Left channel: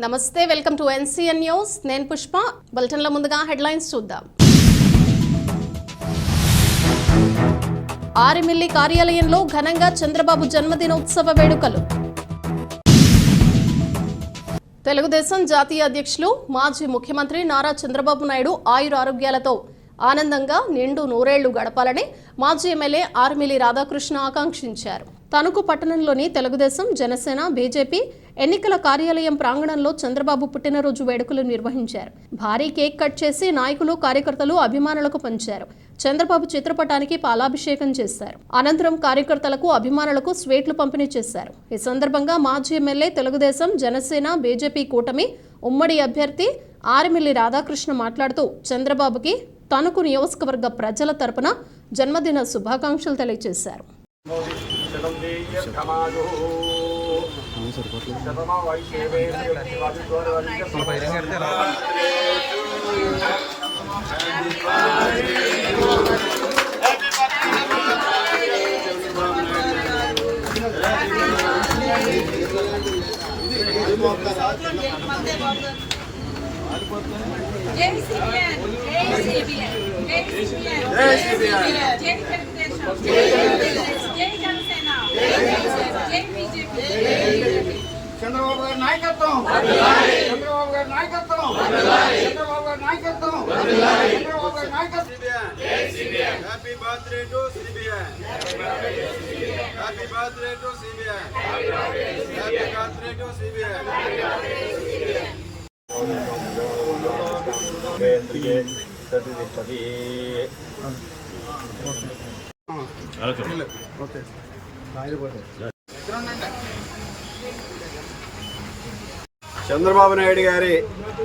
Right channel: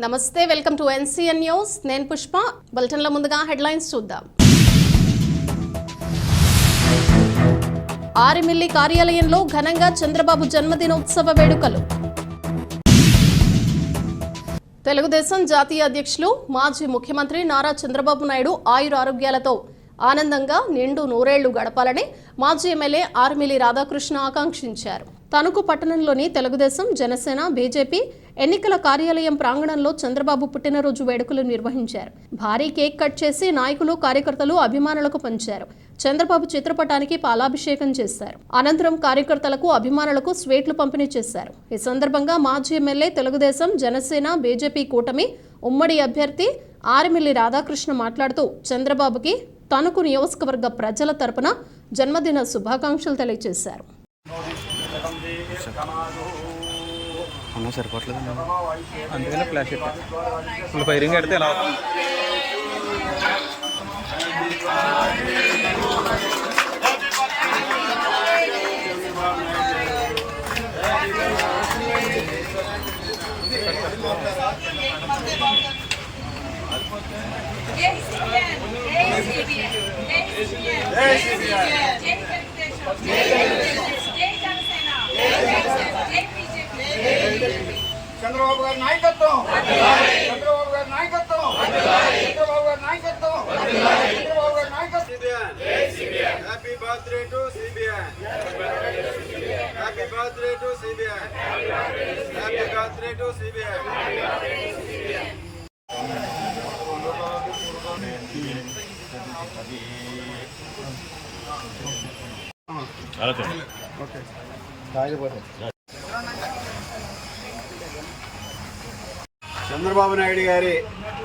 నమస్తే welcome to NCN news. నేను పుష్ప. బులెటిన్ల ముందుగా హెడ్లైన్స్ చూద్దాం. ఆరిమిల్లి కార్యాలయంలో ఘనంగా చంద్రబాబు జన్మదినోత్సవ వేడుకలు. తెలుగుదేశం జాతీయ అధ్యక్షులు మాజీ ముఖ్యమంత్రి నారా చంద్రబాబు నాయుడు ఆయుర ఆరోగ్యాలతో ఆనందంగా నిండు నూరేళ్ళు గడపాలని మాజీ ఎమ్మెల్యే ఆర్మిలి రాధాకృష్ణ ఆకాంక్షించారు. తణుకు పట్టణంలోని తెలుగుదేశం జనసేన బీజేపీ ఎన్నికల కార్యాలయం ప్రాంగణంలో చంద్రబాబు పుట్టినరోజు వేడుకలు నిర్వహించారు. భారీ కేక్ కట్ చేసి నాయకులు కార్యకర్తలు అభిమానులకు పంచారు. చంద్రబాబు చిత్రపటానికి పాలాభిషేకం చేశారు. అనంతరం కార్యకర్తలకు అభిమానులకు స్వీట్లు పంపిణీ చేశారు. ఈ సందర్భంగా మాజీ ఎమ్మెల్యే తెలుగుదేశం జనసేన బీజేపీ కూటమి ఉమ్మడి అభ్యర్థి ఆరిమిల్లి రాధాకృష్ణ మాట్లాడుతూ చంద్రబాబుకి తణుకు నియోజకవర్గ ప్రజల తరపున జన్మదిన శుభాకాంక్షలు తెలియజేశారు. అన్న సరిపోవట్లేదు నువ్వు ఫైరింగ్ పెడితే ఎలా జై సిబిఎన్ జై సిబిఎన్ జై సిబిఎన్ జై సిబిఎన్ జై తెలుగుదేశం జై తెలుగుదేశం చంద్రబాబు గారి నాయకత్వం చంద్రబాబు గారి నాయకత్వం చంద్రబాబు గారి నాయకత్వం చంద్రబాబు గారి నాయకత్వం Happy birthday to CBN. Happy birthday to CBN. Happy birthday to CBN. Chandrababu Naidu గారి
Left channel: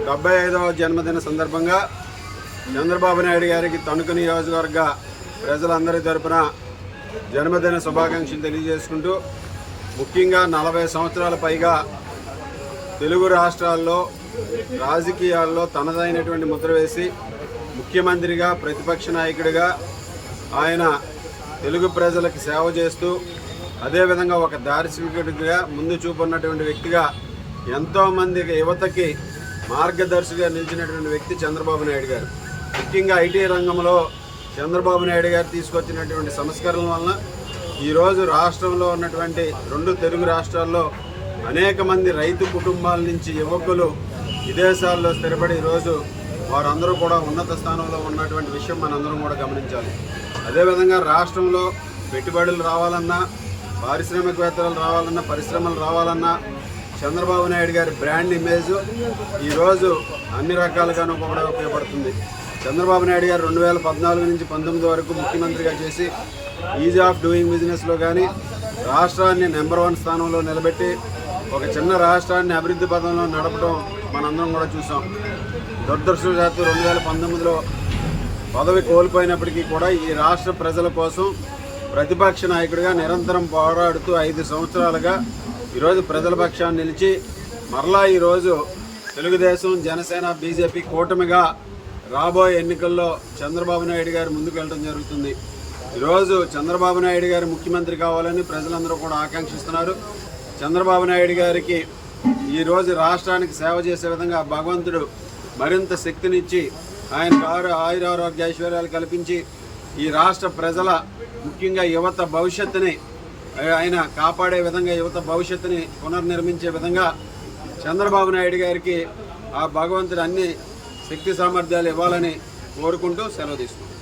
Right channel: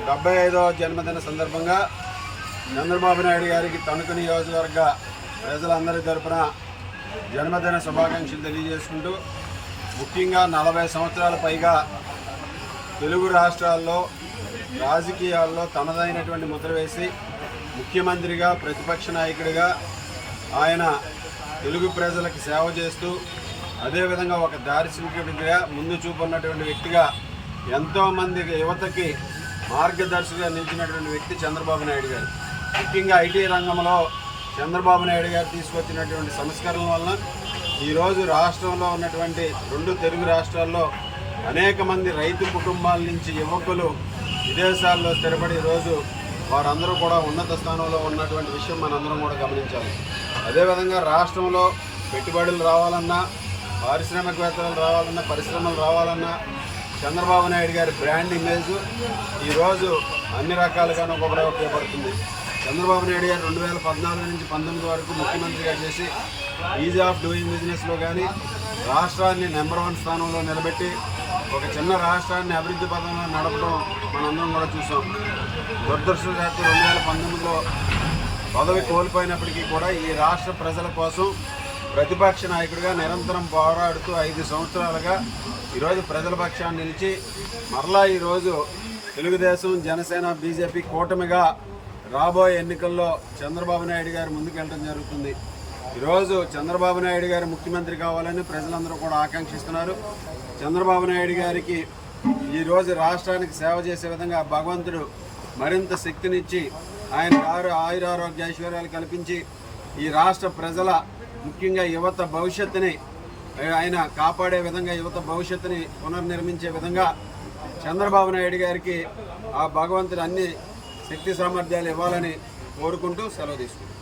డెబ్బై ఐదవ జన్మదిన సందర్భంగా చంద్రబాబు నాయుడు గారికి తణుకు నియోజకవర్గ ప్రజలందరి తరపున జన్మదిన శుభాకాంక్షలు తెలియజేసుకుంటూ ముఖ్యంగా నలభై సంవత్సరాల పైగా తెలుగు రాష్ట్రాల్లో రాజకీయాల్లో తనదైనటువంటి ముద్ర వేసి ముఖ్యమంత్రిగా ప్రతిపక్ష నాయకుడిగా ఆయన తెలుగు ప్రజలకు సేవ చేస్తూ అదేవిధంగా ఒక దార్శనికుడిగా ముందు చూపున్నటువంటి వ్యక్తిగా ఎంతోమంది యువతకి మార్గదర్శిగా నిలిచినటువంటి వ్యక్తి చంద్రబాబు నాయుడు గారు. ముఖ్యంగా ఐటీ రంగంలో చంద్రబాబు నాయుడు గారు తీసుకొచ్చినటువంటి సంస్కరణల వలన ఈరోజు రాష్ట్రంలో ఉన్నటువంటి రెండు తెలుగు రాష్ట్రాల్లో అనేక మంది రైతు కుటుంబాల నుంచి యువకులు విదేశాల్లో స్థిరపడి ఈరోజు వారందరూ కూడా ఉన్నత స్థానంలో ఉన్నటువంటి విషయం మనందరం కూడా గమనించాలి. అదేవిధంగా రాష్ట్రంలో పెట్టుబడులు రావాలన్నా పారిశ్రామికవేత్తలు రావాలన్నా పరిశ్రమలు రావాలన్నా చంద్రబాబు నాయుడు గారి బ్రాండ్ ఇమేజ్ ఈరోజు అన్ని రకాలుగాను ఉపయోగపడుతుంది. చంద్రబాబు నాయుడు గారు రెండు వేల పద్నాలుగు నుంచి పంతొమ్మిది వరకు ముఖ్యమంత్రిగా చేసి ఈజ్ ఆఫ్ డూయింగ్ బిజినెస్లో కానీ రాష్ట్రాన్ని నెంబర్ వన్ స్థానంలో నిలబెట్టి ఒక చిన్న రాష్ట్రాన్ని అభివృద్ధి పదంలో నడపడం మనందరం కూడా చూసాం. దురదృష్టవశాత్తు రెండు వేల పంతొమ్మిదిలో పదవి కోల్పోయినప్పటికీ కూడా ఈ రాష్ట్ర ప్రజల కోసం ప్రతిపక్ష నాయకుడిగా నిరంతరం పోరాడుతూ ఐదు సంవత్సరాలుగా ఈరోజు ప్రజల పక్షాన్ని నిలిచి మరలా ఈరోజు తెలుగుదేశం జనసేన బీజేపీ కూటమిగా రాబోయే ఎన్నికల్లో చంద్రబాబు నాయుడు గారు ముందుకు వెళ్ళడం జరుగుతుంది. ఈరోజు చంద్రబాబు నాయుడు గారు ముఖ్యమంత్రి కావాలని ప్రజలందరూ కూడా ఆకాంక్షిస్తున్నారు. చంద్రబాబు నాయుడు గారికి ఈరోజు రాష్ట్రానికి సేవ చేసే విధంగా భగవంతుడు మరింత శక్తినిచ్చి ఆయన కారు ఆయురారోగ్య ఐశ్వర్యాలు కల్పించి ఈ రాష్ట్ర ప్రజల ముఖ్యంగా యువత భవిష్యత్తుని ఆయన కాపాడే విధంగా యువత భవిష్యత్తుని పునర్నిర్మించే విధంగా చంద్రబాబు నాయుడు గారికి ఆ భగవంతుడు అన్ని శక్తి సామర్థ్యాలు ఇవ్వాలని కోరుకుంటూ సెలవు తీసుకుంటాం